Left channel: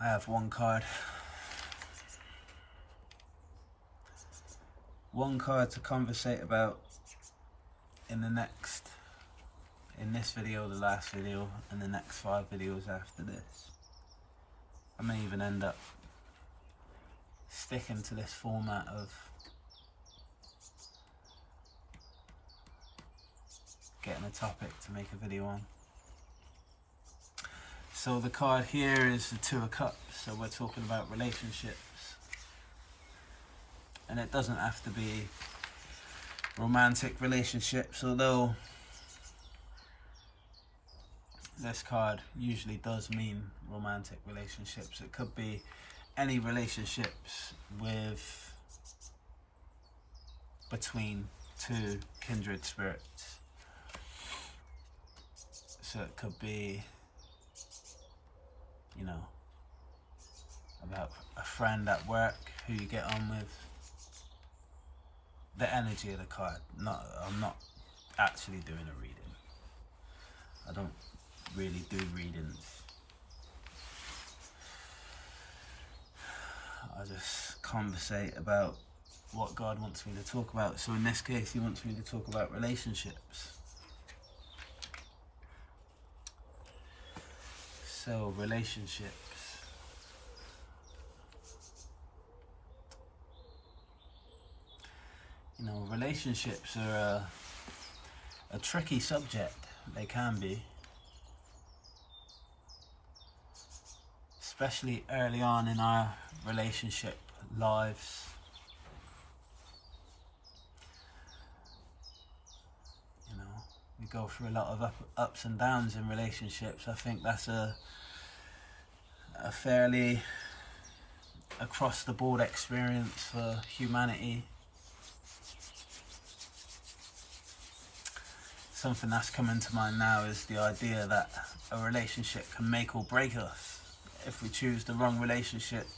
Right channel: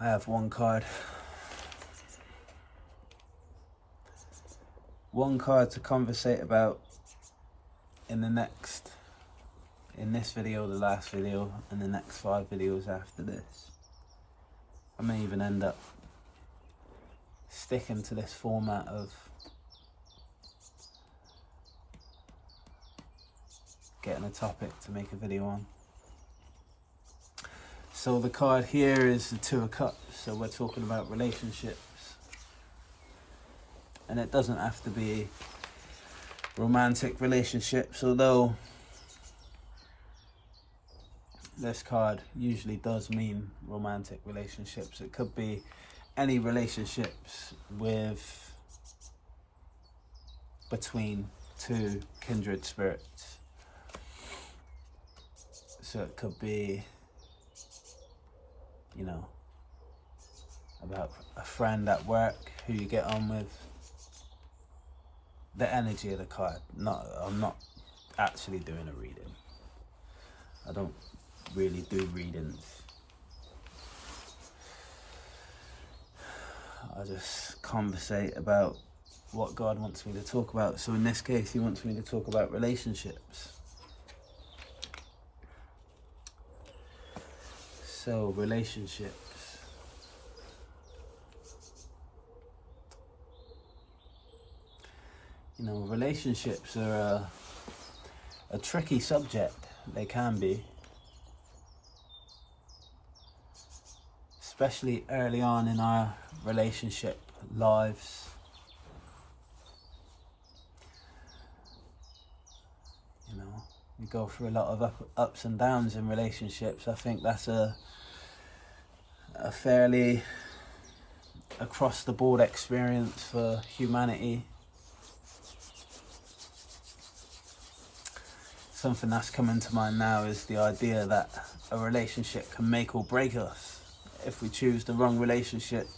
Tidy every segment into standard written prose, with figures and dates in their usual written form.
I have one card. One card to conversate about in this video, the last video, and the next 5 videos after this. I may even end up sticking to this format of getting a topic to make a video on. So the card here is the Two of Cups, so we're talking about relationships. And it doesn't have to be romantic relationships, although this card usually does mean romantic relationships. It could be any relationships between two kindred spirits. So it could be, you know, about a friend at work who you get on with. The energy of the card. I'm not actually doing a reading. I don't really do readings. I just conversate about what God wants me to talk about. So in this case, he wants me to talk about relationships. So relationships. You know, relationships are a tricky subject. They can be. Especially early on in our relationship lives. You know, we go through a lot of ups and downs in relationships. I think that's a fairly across the board experience for humanity. Something that's coming to mind now is the idea that a relationship can make or break us. If we choose the wrong relationship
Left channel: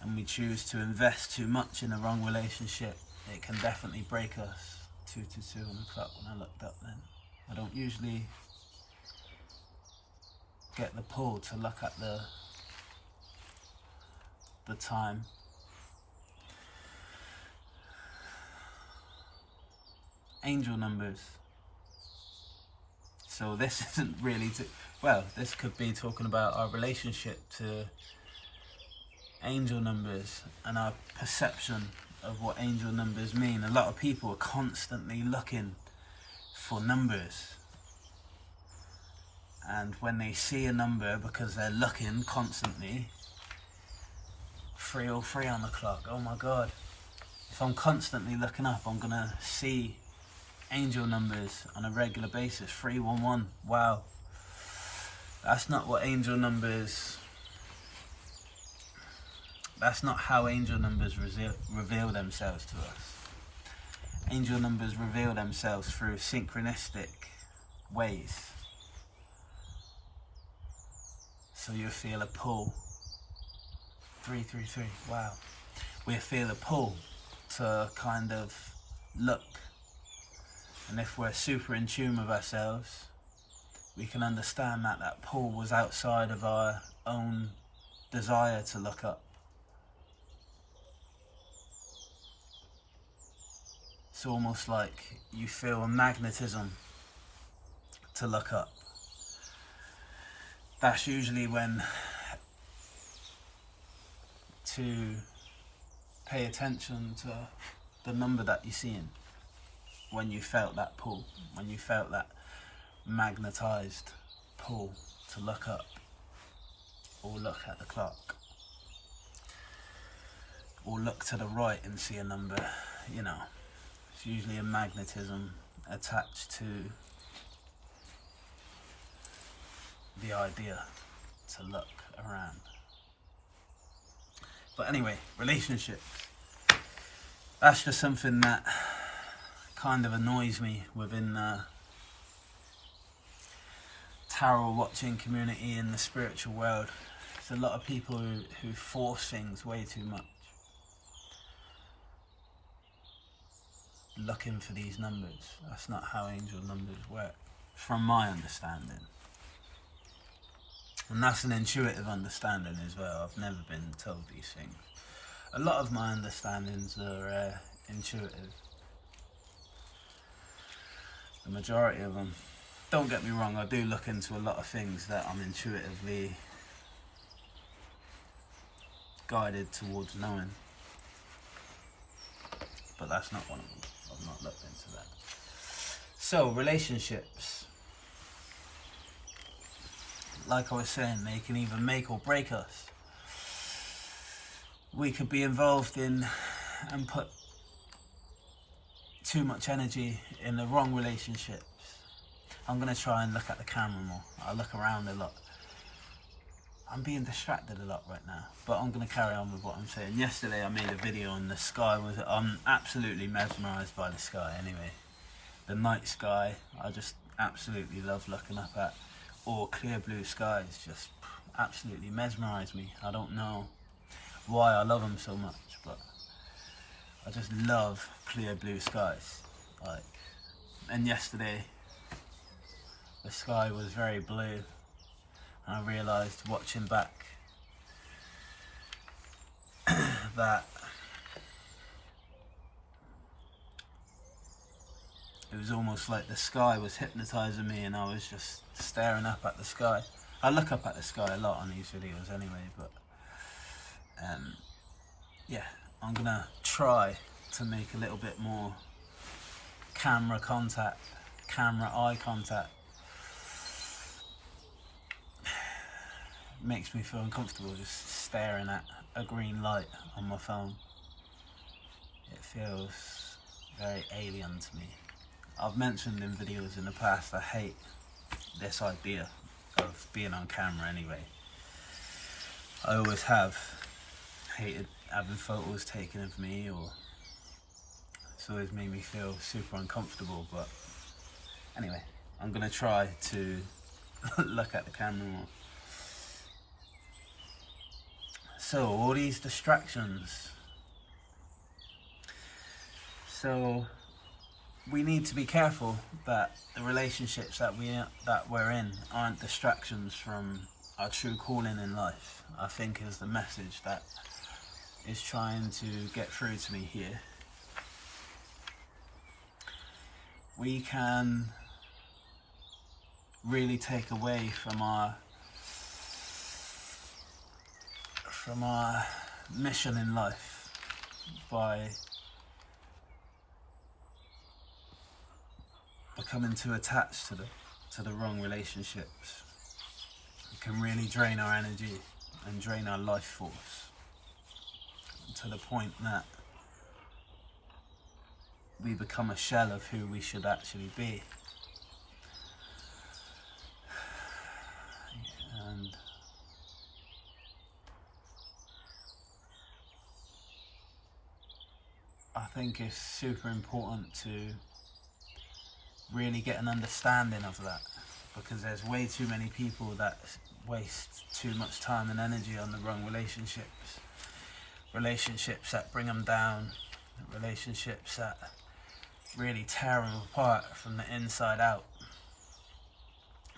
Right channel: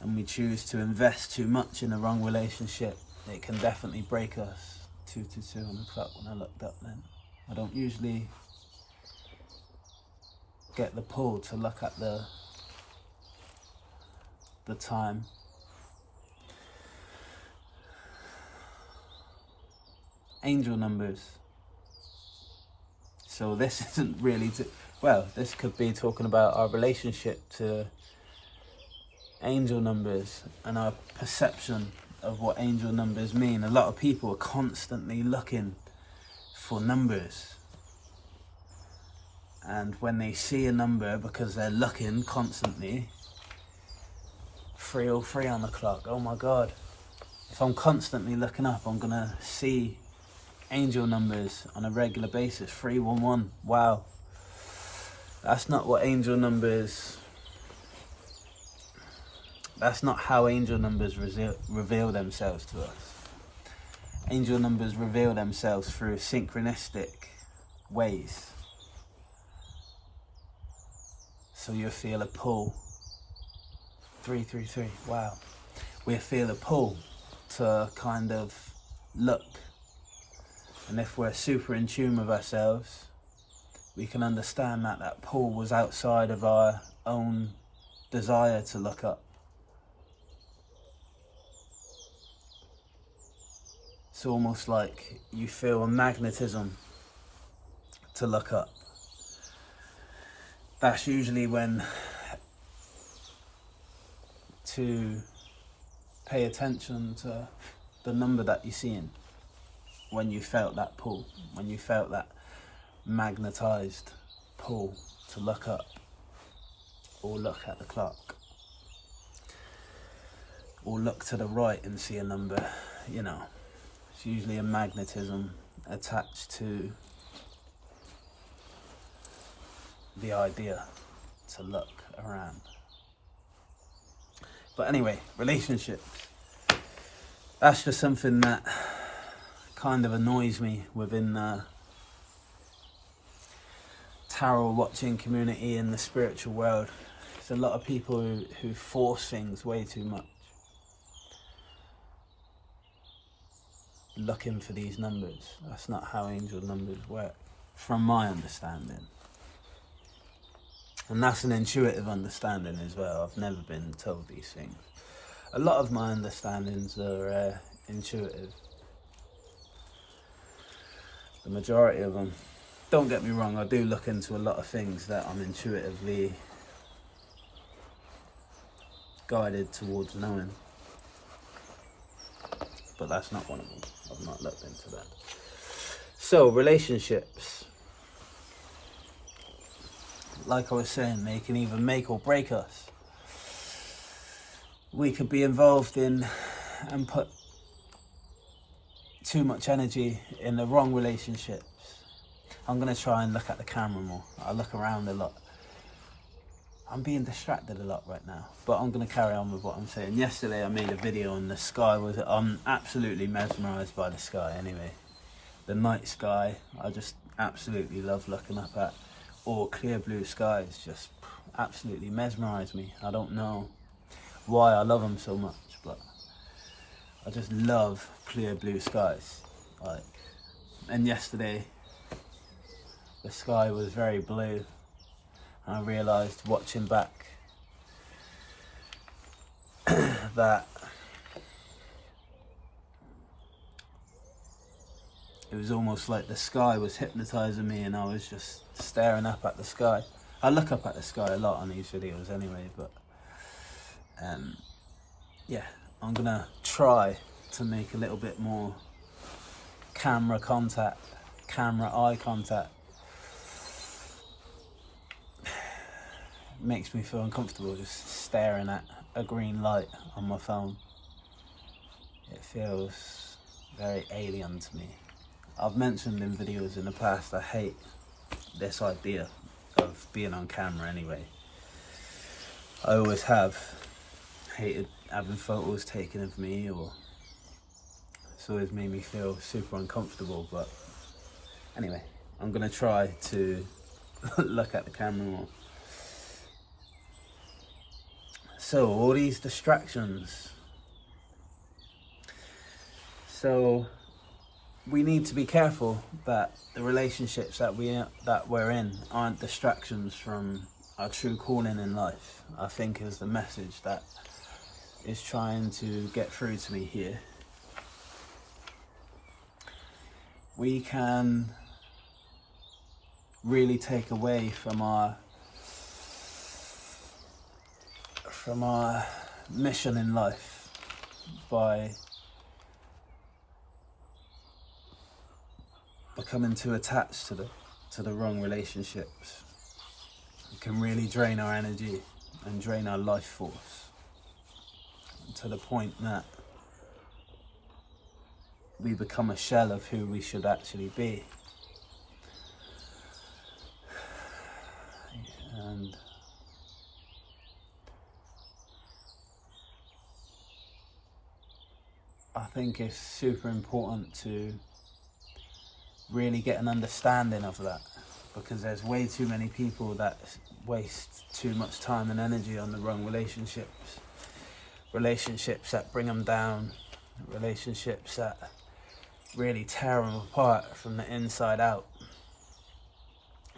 and we choose to invest too much in the wrong relationship, it can definitely break us. 2:22 on the clock when I looked up then. I don't usually get the pull to look at the time. Angel numbers. So this isn't really this could be talking about our relationship to angel numbers and our perception of what angel numbers mean. A lot of people are constantly looking for numbers. And when they see a number, because they're looking constantly, 3:03 on the clock, oh my God. If I'm constantly looking up, I'm gonna see angel numbers on a regular basis. 311, wow. That's not what angel numbers, that's not how angel numbers reveal themselves to us. Angel numbers reveal themselves through synchronistic ways. So you'll feel a pull. 333, wow. We'll feel a pull to kind of look. And if we're super in tune with ourselves, we can understand that that pull was outside of our own desire to look up. It's almost like you feel a magnetism to look up. That's usually when to pay attention to the number that you're seeing. When you felt that pull, when you felt that magnetized pull to look up or look at the clock or look to the right and see a number, you know, it's usually a magnetism attached to the idea to look around. But anyway, relationships. That's just something that kind of annoys me within the tarot watching community in the spiritual world. There's a lot of people who force things way too much. Looking for these numbers. That's not how angel numbers work, from my understanding. And that's an intuitive understanding as well. I've never been told these things. A lot of my understandings are intuitive. The majority of them. Don't get me wrong, I do look into a lot of things that I'm intuitively guided towards knowing. But that's not one of them. I've not looked into that. So, relationships. Like I was saying, they can either make or break us. We could be involved in and put too much energy in the wrong relationships. I'm going to try and look at the camera more. I look around a lot. I'm being distracted a lot right now, but I'm going to carry on with what I'm saying. Yesterday I made a video on the sky. I'm absolutely mesmerised by the sky anyway. The night sky, I just absolutely love looking up at. Or clear blue skies just absolutely mesmerise me. I don't know why I love them so much, but I just love clear blue skies. And yesterday the sky was very blue, and I realised watching back that it was almost like the sky was hypnotising me, and I was just staring up at the sky. I look up at the sky a lot on these videos anyway, but yeah, I'm gonna try to make a little bit more camera eye contact. It makes me feel uncomfortable just staring at a green light on my phone. It feels very alien to me. I've mentioned in videos in the past I hate this idea of being on camera anyway. I always have hated having photos taken of me, or it's always made me feel super uncomfortable. But anyway, I'm gonna try to look at the camera more. So, all these distractions. So we need to be careful that the relationships that we're in aren't distractions from our true calling in life, I think, is the message that is trying to get through to me here. We can really take away from our mission in life by becoming too attached to the wrong relationships. It can really drain our energy and drain our life force to the point that we become a shell of who we should actually be. And I think it's super important to really get an understanding of that, because there's way too many people that waste too much time and energy on the wrong relationships that bring them down, relationships that really tear them apart from the inside out.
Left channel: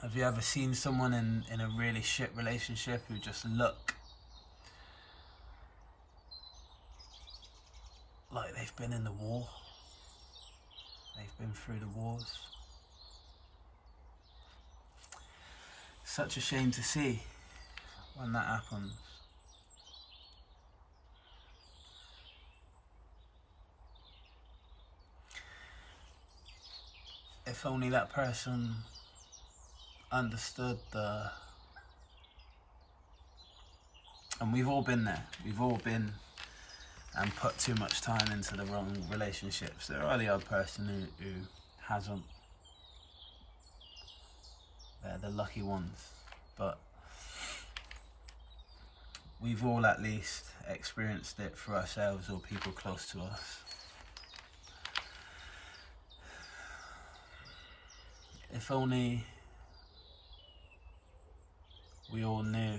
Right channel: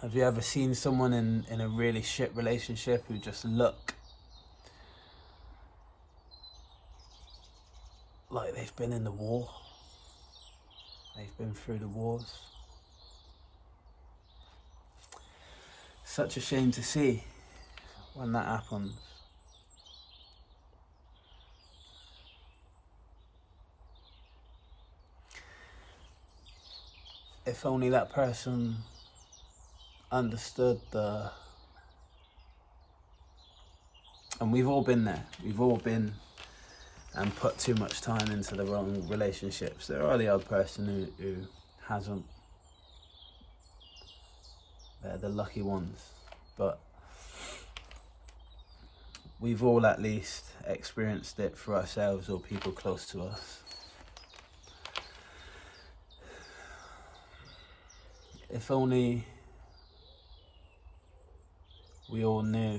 Have you ever seen someone in a really shit relationship who just look like they've been in the war? They've been through the wars. Such a shame to see when that happens. If only that person understood and we've all been there. We've all been and put too much time into the wrong relationships. There are the odd person who hasn't. They're the lucky ones. But we've all at least experienced it for ourselves or people close to us. If only we all knew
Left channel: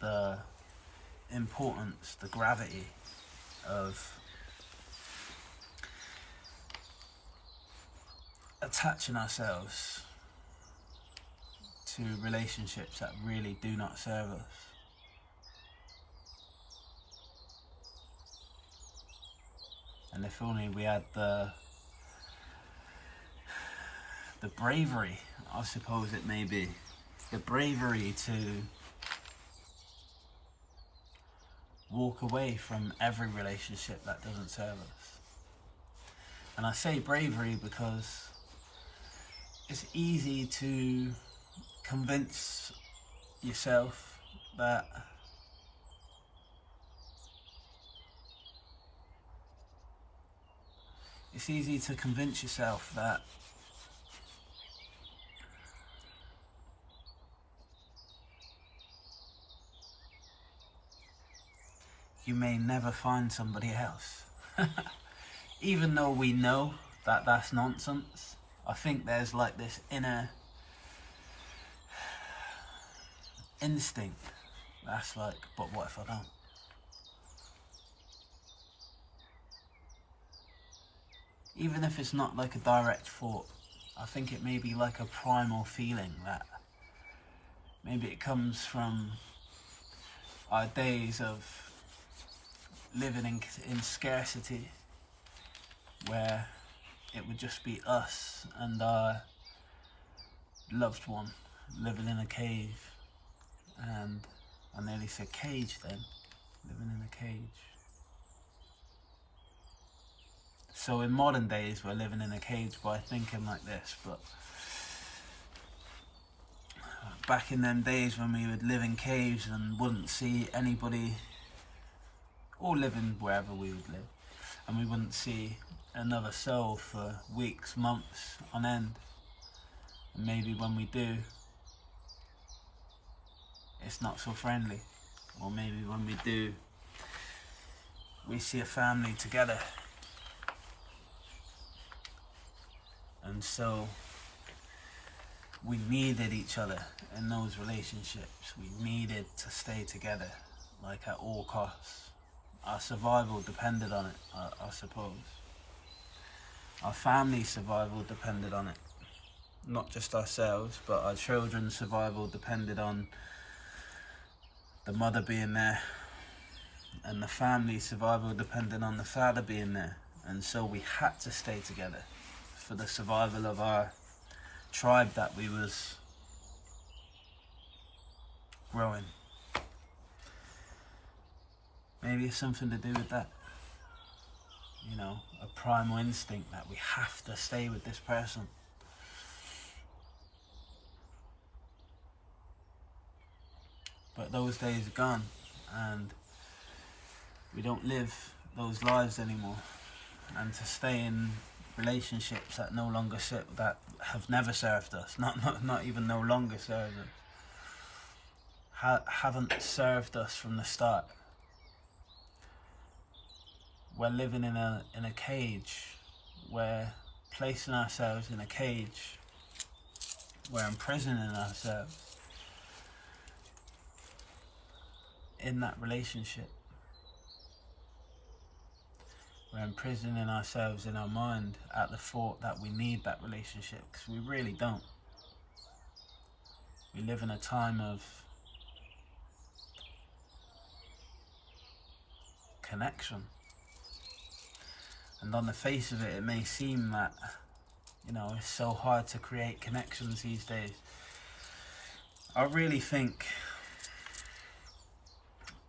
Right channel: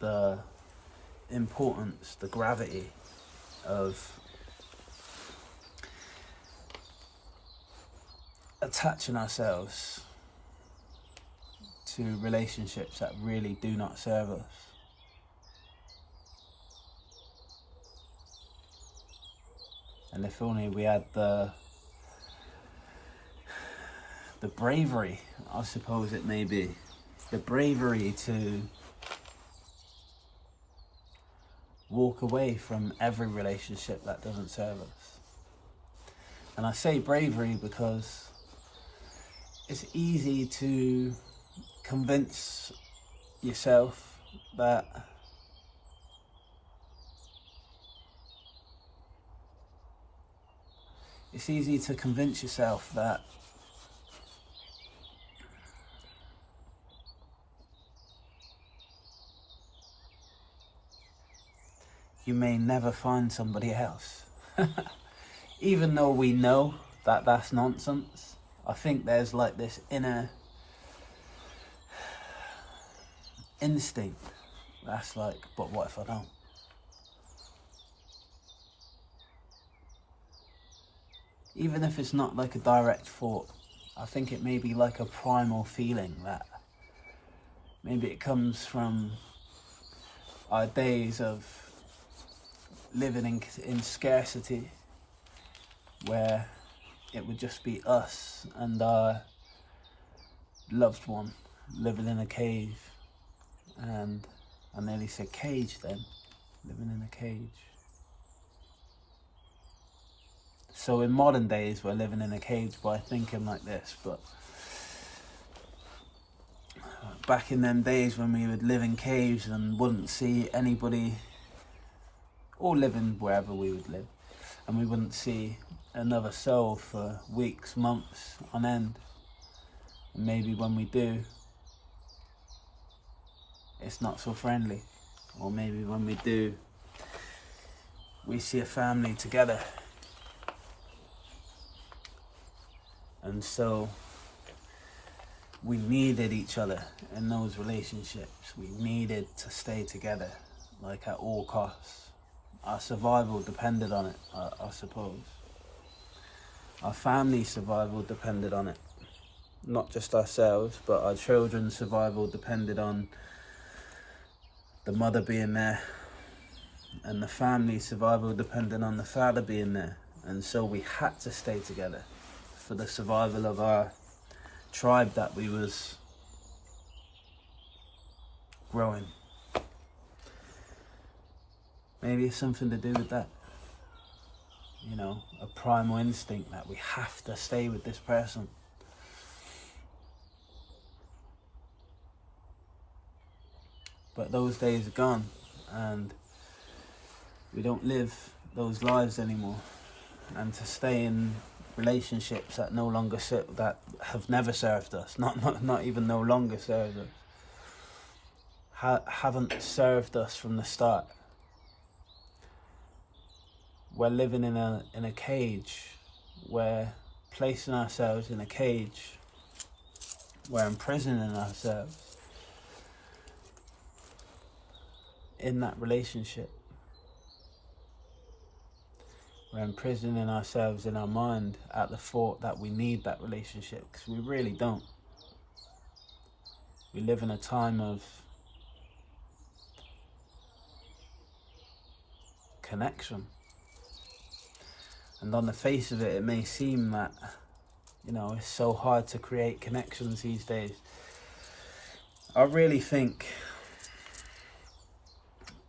the importance, the gravity of attaching ourselves to relationships that really do not serve us. And if only we had the bravery, I suppose it may be, the bravery to walk away from every relationship that doesn't serve us. And I say bravery because it's easy to convince yourself that you may never find somebody else. Even though we know that that's nonsense, I think there's like this inner instinct that's like, but what if I don't? Even if it's not like a direct thought, I think it may be like a primal feeling that maybe it comes from our days of living in scarcity, where it would just be us and our loved one living in a cave. And I nearly said cage then, living in a cage. So in modern days we're living in a cage by thinking like this, but back in them days when we would live in caves and wouldn't see anybody, or living wherever we would live, and we wouldn't see another soul for weeks, months on end. And maybe when we do, it's not so friendly. Or maybe when we do, we see a family together. And so we needed each other in those relationships. We needed to stay together, like at all costs. Our survival depended on it, I suppose. Our family's survival depended on it. Not just ourselves, but our children's survival depended on the mother being there. And the family's survival depended on the father being there. And so we had to stay together for the survival of our tribe that we was growing. Maybe it's something to do with that. You know, a primal instinct that we have to stay with this person. But those days are gone, and we don't live those lives anymore. And to stay in relationships that no longer that have never served us, not even no longer served us, haven't served us from the start. We're living in a cage. We're placing ourselves in a cage. We're imprisoning ourselves in that relationship. We're imprisoning ourselves in our mind at the thought that we need that relationship, because we really don't. We live in a time of connection. And on the face of it, it may seem that, you know, it's so hard to create connections these days. I really think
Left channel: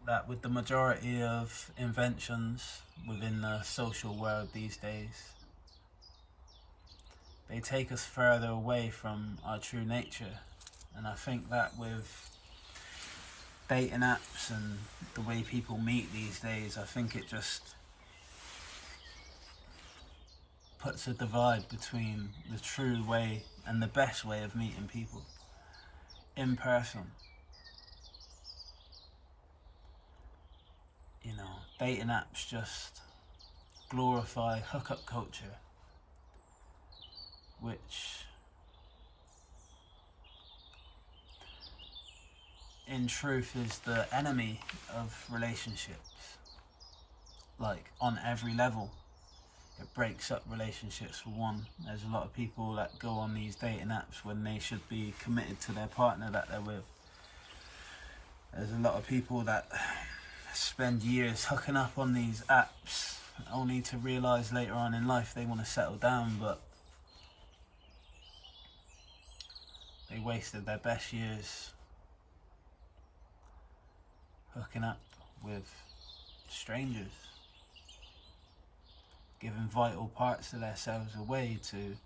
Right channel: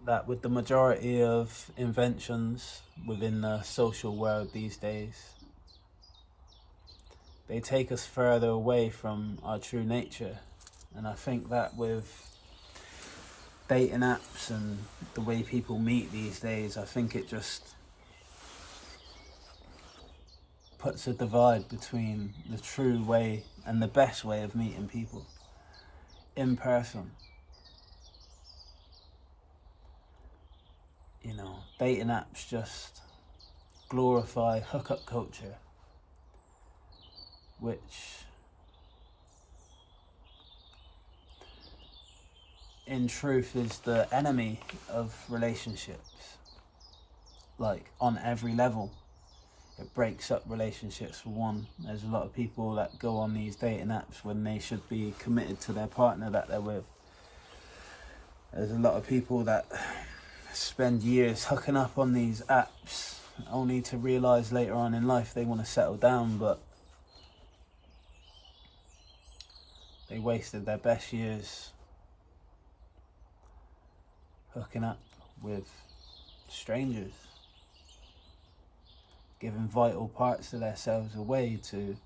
that with the majority of inventions within the social world these days, they take us further away from our true nature. And I think that with dating apps and the way people meet these days, I think it just puts a divide between the true way and the best way of meeting people in person. You know, dating apps just glorify hookup culture, which in truth is the enemy of relationships, like on every level. It breaks up relationships for one. There's a lot of people that go on these dating apps when they should be committed to their partner that they're with. There's a lot of people that spend years hooking up on these apps only to realise later on in life they want to settle down, but they wasted their best years hooking up with strangers, giving vital parts of themselves away to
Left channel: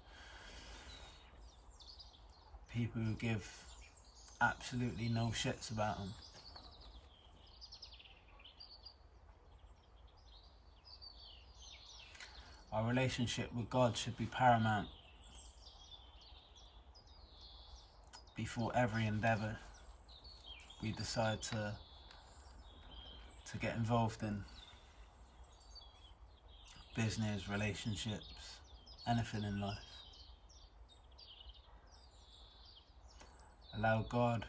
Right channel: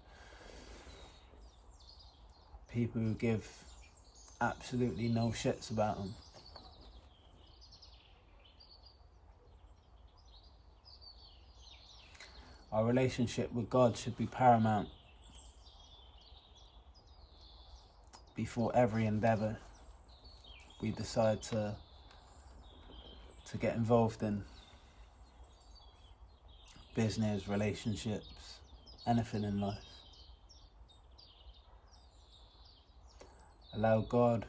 people who give absolutely no shits about them. Our relationship with God should be paramount before every endeavour we decide to get involved in. Business, relationships, anything in life. Allow God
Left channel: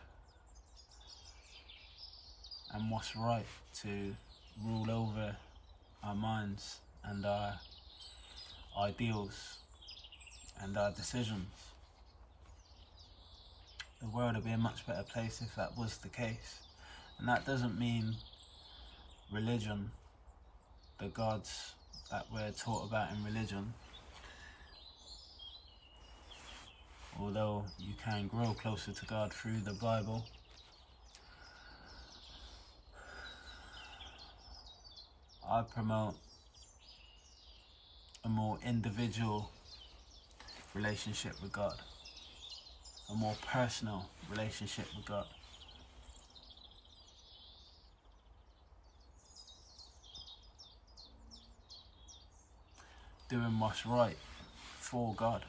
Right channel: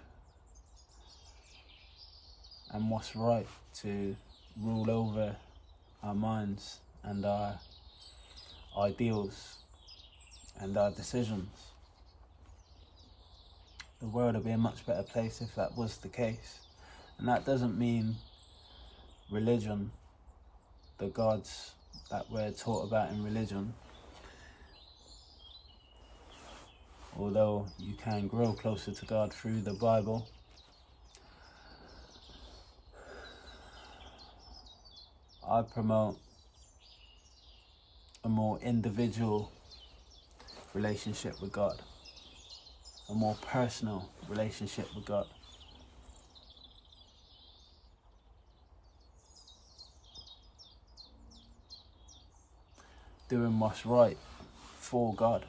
and what's right to rule over our minds and our ideals and our decisions. The world would be a much better place if that was the case. And that doesn't mean religion, the gods that we're taught about in religion. Although you can grow closer to God through the Bible, I promote a more individual relationship with God, a more personal relationship with God. Doing what's right for God,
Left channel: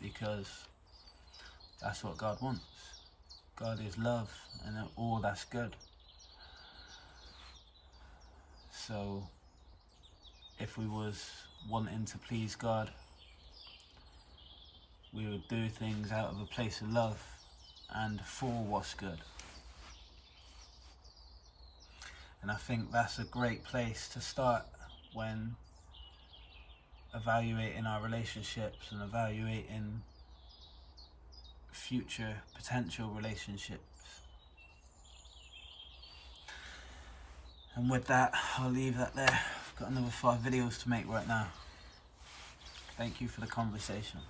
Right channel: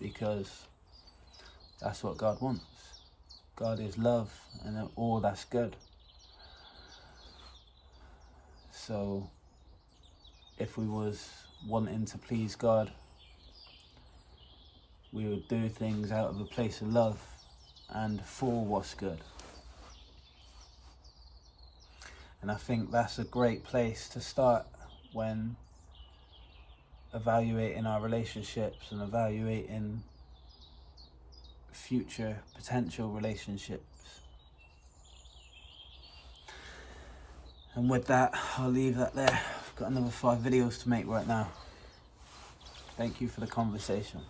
because that's what God wants. God is love and all that's good. So if we was wanting to please God, we would do things out of a place of love and for what's good. And I think that's a great place to start when evaluating our relationships and evaluating future potential relationships. And with that, I'll leave that there. I've got another 5 videos to make right now. Thank you for the conversation.